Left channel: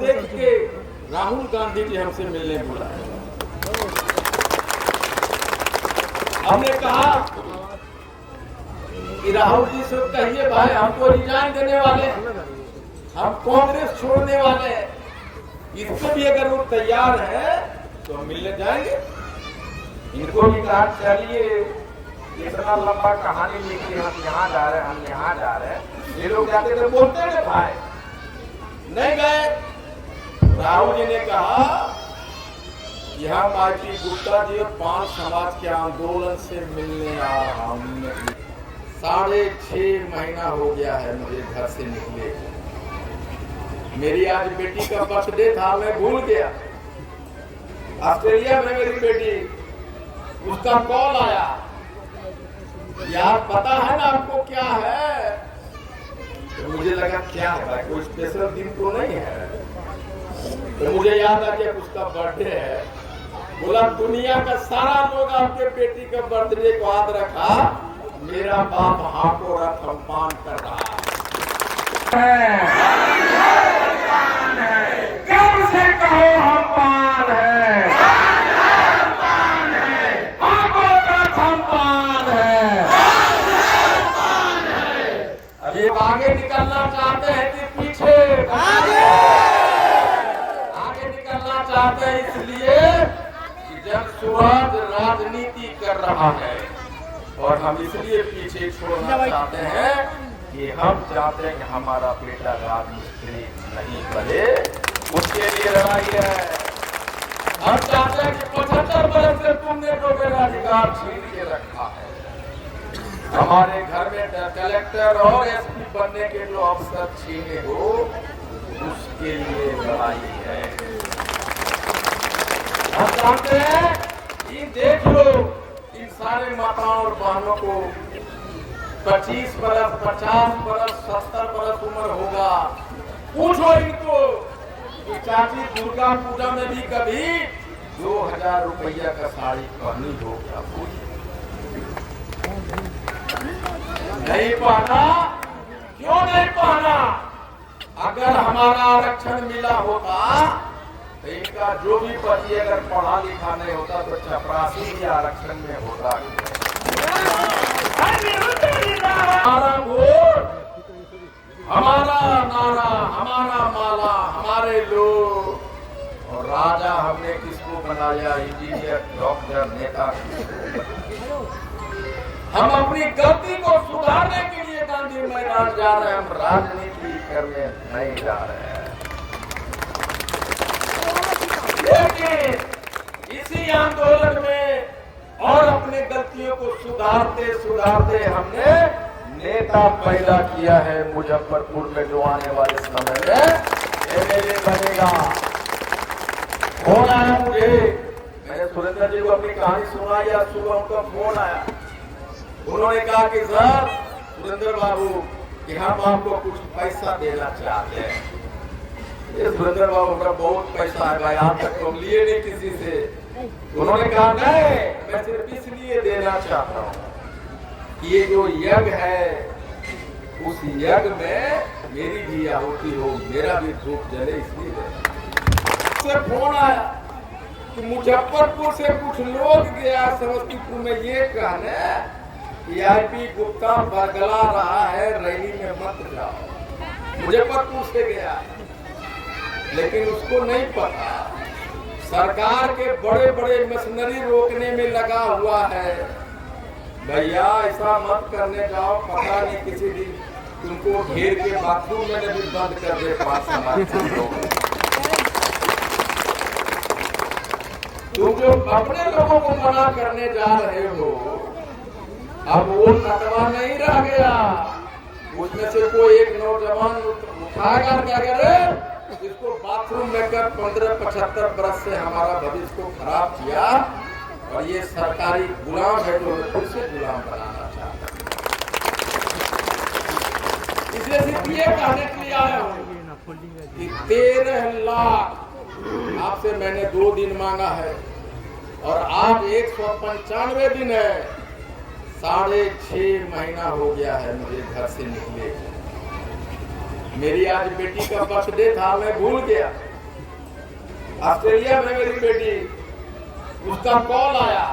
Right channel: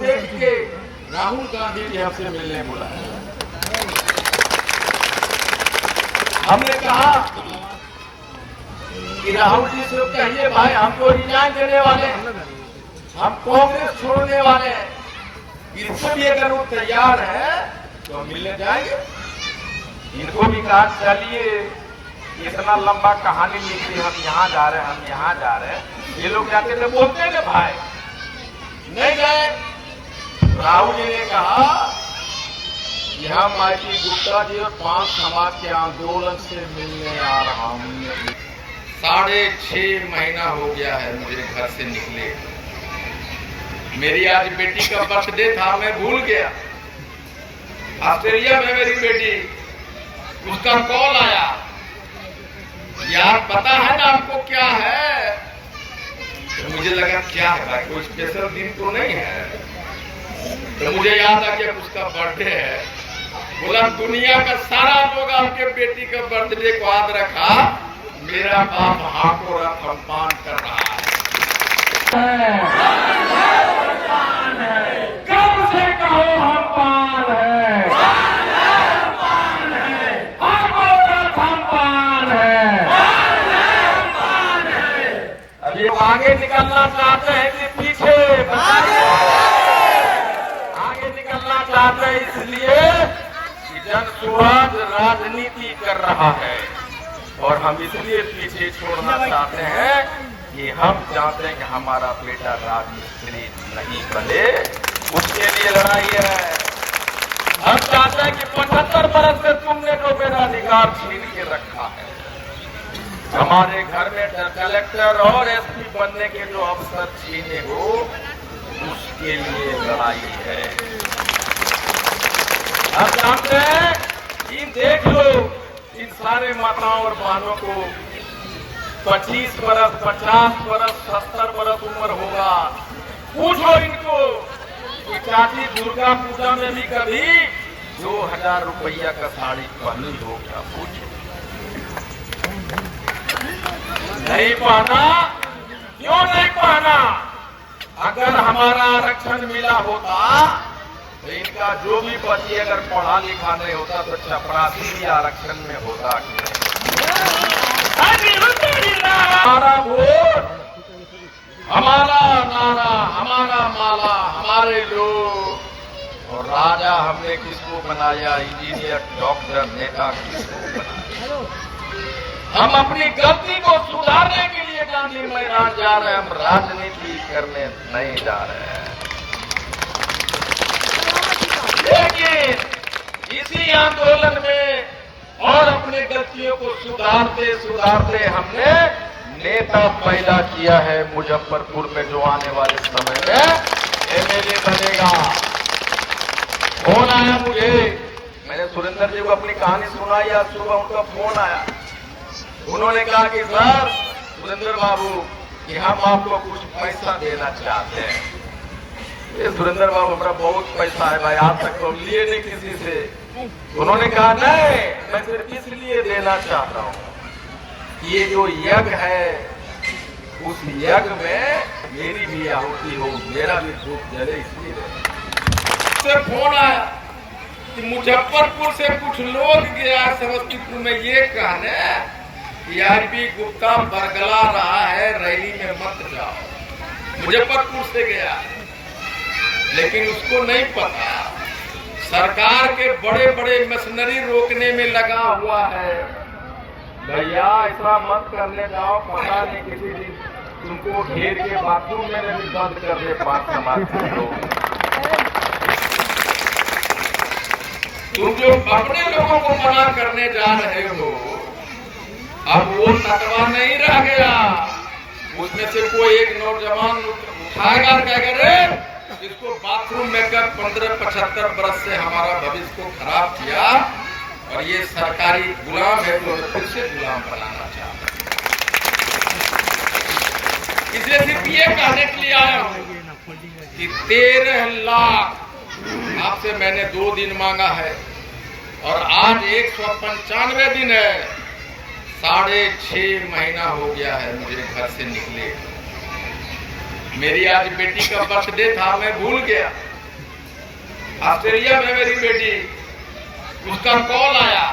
देख के राहुल गांधी जी हमसे मिलने बुलाए। हमने कहा कि राहुल जी से कहिए भाई हमको रिजाइन देने वाले हैं, हम कांग्रेस छोड़ने वाले हैं, इसको भी अगर वो तैयार है तो हम मिलने जाएंगे। इनको भी कहा चलिए, इतना लंबा कहानी लिखी, हम यहाँ जा रहे हैं, हम यहाँ जा रहे हैं। ये लोग जाते थे बोलते हैं भाई नहीं गए। राहुल जी ने कहा कि हम आईपी गुप्ता जी और 5 समाज के आंदोलन से मिलने आ रहा हूं। 6.5 महीना हो गया है मुझे घर से निकले। मेरी आज बेटी का बर्थडे था, मैं भूल गया। ऑस्ट्रेलिया में मेरी बेटी, उसका कॉल आया, यार पता है ना आपको क्या है? तो मुझे लगा क्या है भाई, कोई स्पेशल दिन तो नहीं है। तो मुझे याद आ गया उसका बर्थडे है। बोला दुनिया का सारा लोग आपके बेटी का बर्थडे को याद रखा, मेरा बाप हाथों रफान कर रहा है। कब से कहो हम पान है, अभी आगे निकलना चाहते हैं कि पीछे? आगे निकलना चाहते हैं, इसलिए जनसुराज राजनीति कर रहा है और हम इसलिए पीछे छोड़ना चाहते हैं कि हम चाहते हैं कि हमारा बेटा राजमिस्त्री नहीं बने, उसके लिए लड़ाई है। हम चाहते हैं कि 75 बरस से तुमने जो मेरा अधिकार छीन के रखा है, हमारे घर में कलेक्टर और एसपी बनने के जो अवसर छीने हो, उसके लिए लड़ाई है। हम जानते हैं कि देख लो इन सारे माताओं और बहनों को 25 बरस, 50 बरस, 70 बरस उम्र होगा। पूछो इनको कि चाची दुर्गा पूजा में भी कभी 2000 रुपया का साड़ी पहनी हो क्या? पूछो। नहीं पहना, क्यों नहीं पहना? अगर हमारा आरक्षण मिला होता तो इनका जो भी पति अगर पढ़ा लिखा नहीं होता तो चपरासी भी आरक्षण में होता। हमारा वोट, हमारा नारा, हमारा माला, हमारे लोग। और राजा हमने किसको बनाया? इंजीनियर, डॉक्टर, नेता किसको बनाया? हम अपनी गलती को सुधारने के लिए गांधी मैदान जा रहे हैं, हम राजनीति करने नहीं जा रहे हैं। लेकिन इसी आंदोलन में और अपने गलतियों को सुधारते सुधारते हमने नेता पैदा किया है। मुजफ्फरपुर में जो आने वाले समय में एमएलए बनेगा। फोन आया मुझे, मैंने सुरेंद्र जी को अपनी कहानी सुनाई, आज सुबह उनका फोन आया। उन्होंने कहा कि सर सुरेंद्र बाबू कि हम आपको कुछ पैसा देना चाहते हैं। ये सुरेंद्र बाबू हमारा बहुत पैसा है भाई, आज तक तो लिए नहीं किसी से। उन्होंने कहा नहीं, मैं सिर्फ इसलिए देना चाहता हूँ कि ये जो यज्ञ है उस यज्ञ में मेरी भी आहुति हो, मेरा भी धूप जले, इसलिए। फोन आया कि मुजफ्फरपुर से कुछ लोग गया समस्तीपुर में ये कहने कि आईपी गुप्ता बरगला रहा है, रैली में मत जाओ। मुजफ्फरपुर से गया, लेकिन उसको नहीं पता सरकार के बड़े बड़े मशीनरी रोकने में लगा हुआ है। भैया ऐसा मत करने जाओ, पता नहीं किसी दिन तुमको घेर के बाथरूम में भी बंद कर दे 5 समाज के लोग। तुम जो अपने लोगों को मना करने जा रहे हो, अब वो तटवा नहीं रह गया। उसमें से कोई एक नौजवान उठाएगा और कहेगा रे इसको बाथरूम में कर 15-75 बरस से हमारा भविष्य को खराब किया और ये सरकारी गुलाम है तो फिर से गुलाम बनाना चाहता है। इसलिए सिर्फ ये कहने के लिए आया हूँ कि 13 लाख आपसे मैंने 2 दिन मांगा है और आज 195 दिन है। 6.5 महीना हो गया है मुझे घर से निकले। मेरी आज बेटी का बर्थडे था, मैं भूल गया। ऑस्ट्रेलिया में मेरी बेटी, उसका कॉल आया,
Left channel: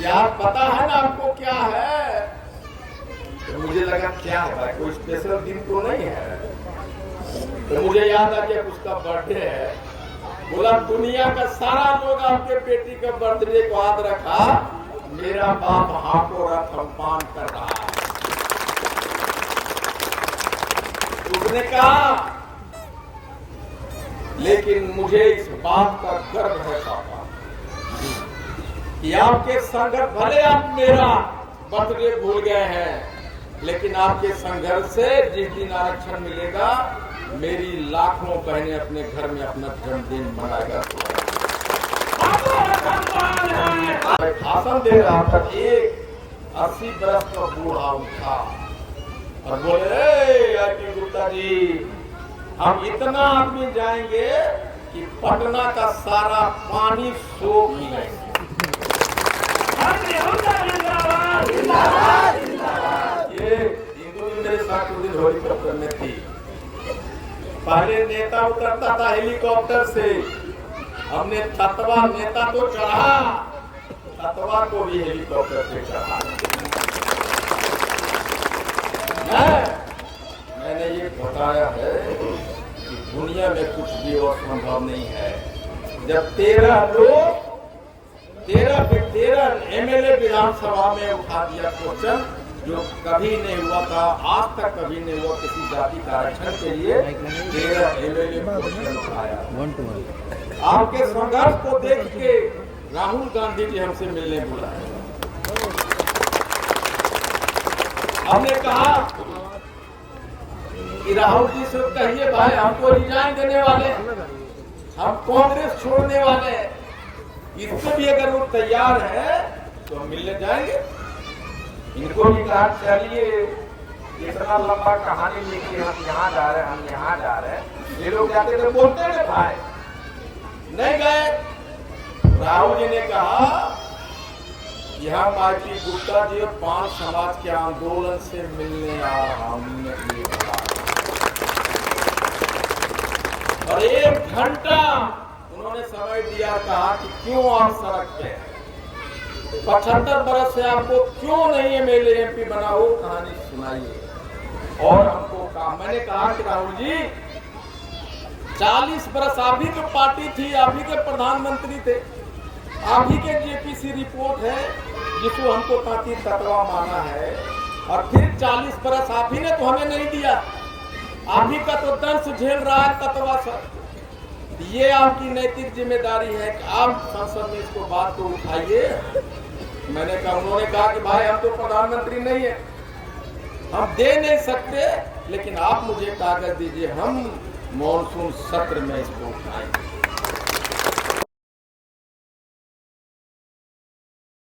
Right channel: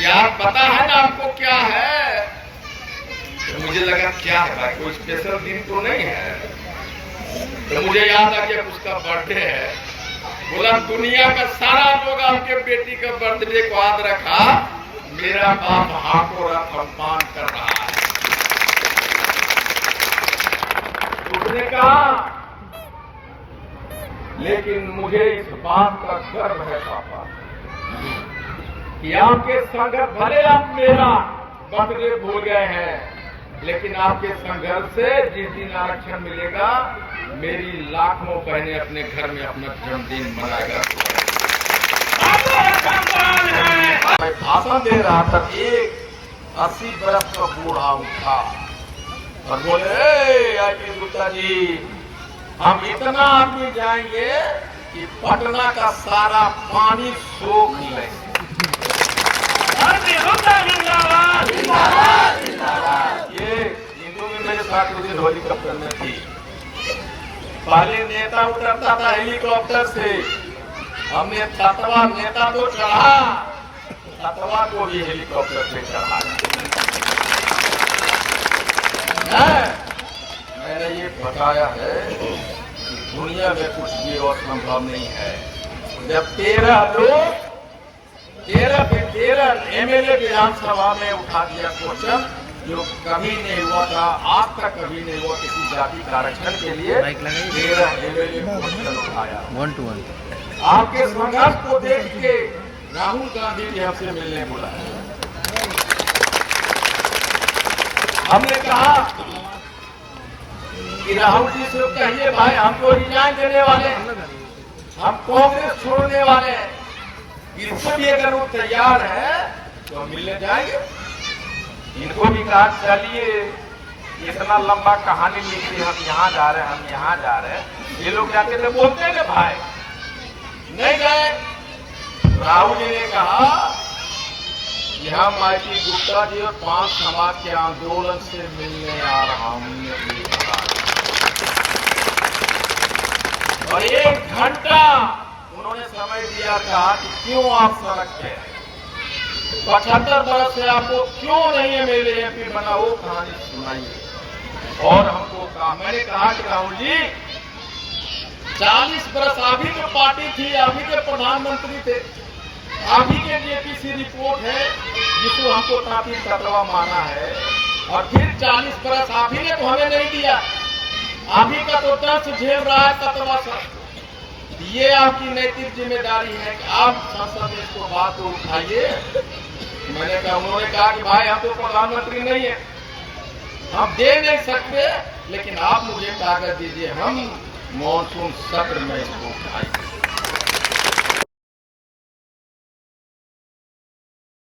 यार पता है ना आपको क्या है? तो मुझे लगा क्या है भाई, कोई स्पेशल दिन तो नहीं है। तो मुझे याद आ गया उसका बर्थडे है। बोला दुनिया का सारा लोग आपके बेटी का बर्थडे को याद रखा, मेरा बाप हाथों सम्मान कर रहा है। उसने कहा लेकिन मुझे इस बात का गर्व है पापा कि आपके संघर्ष, भले आप मेरा बर्थडे भूल गए हैं, लेकिन आपके संघर्ष से जिस दिन आरक्षण मिलेगा, मेरी लाखों बहनें अपने घर में अपना जन्मदिन मनाएगा। भाषण दे रहा था, एक 80 बरस का बूढ़ा था और बोले गुप्ता जी, हम इतना आदमी जाएंगे कि पटना का सारा पानी सोख लेंगे। ये हिंदू भी मेरे साथ उस दिन हेलीकॉप्टर में थी। पहले नेता उतरता था हेलीकॉप्टर से, हमने तत्वा नेता तो चढ़ा, तत्वा को भी हेलीकॉप्टर से चढ़ाया। मैंने ये बताया है कि दुनिया में कुछ भी असंभव नहीं है। जब 13 लोग 13 एमएलए विधानसभा में उठा दिया क्वेश्चन, जो कभी नहीं हुआ था, आज तक कभी नहीं हुआ किसी जाति का आरक्षण के लिए। 13 एमएलए क्वेश्चन उठाया 1 to 1। आपके संघर्ष को देख के राहुल गांधी जी हमसे मिलने बुलाए। हमने कहा कि राहुल जी से कहिए भाई, हमको रिजाइन देने वाले, हम कांग्रेस छोड़ने वाले हैं, इसको भी अगर वो तैयार है तो हम मिलने जाएंगे। इनको भी कहा चलिए, इतना लंबा कहानी लिखी, हम यहाँ जा रहे हैं, हम यहाँ जा रहे हैं। ये लोग जाके तो बोलते हैं भाई, नहीं गए। राहुल जी ने कहा कि हम आईटी गुप्ता जी और 5 समाज के आंदोलन से मिलने आ रहा हूं। और 1 घंटा उन्होंने समय दिया था कि क्यों आप सड़क पे, 75 बरस से आपको क्यों नहीं एमएलए एमपी बना, वो कहानी सुनाइए। और हमको कहा, मैंने कहा कि राहुल जी 40 बरस आप ही की पार्टी थी, आप ही के प्रधानमंत्री थे, आप ही के जेपीसी रिपोर्ट है जिसको हमको ताकि तत्वा माना है, और फिर 40 बरस आप ही ने तो हमें नहीं दिया, आप ही का तो दर्द झेल रहा है तत्वा सर। ये आपकी नैतिक जिम्मेदारी है कि आप संसद में इसको बात को उठाइए। मैंने कहा, उन्होंने कहा कि भाई हम तो प्रधानमंत्री नहीं है, हम दे नहीं सकते, लेकिन आप मुझे कागज दीजिए, हम मॉनसून सत्र में इसको उठाएंगे।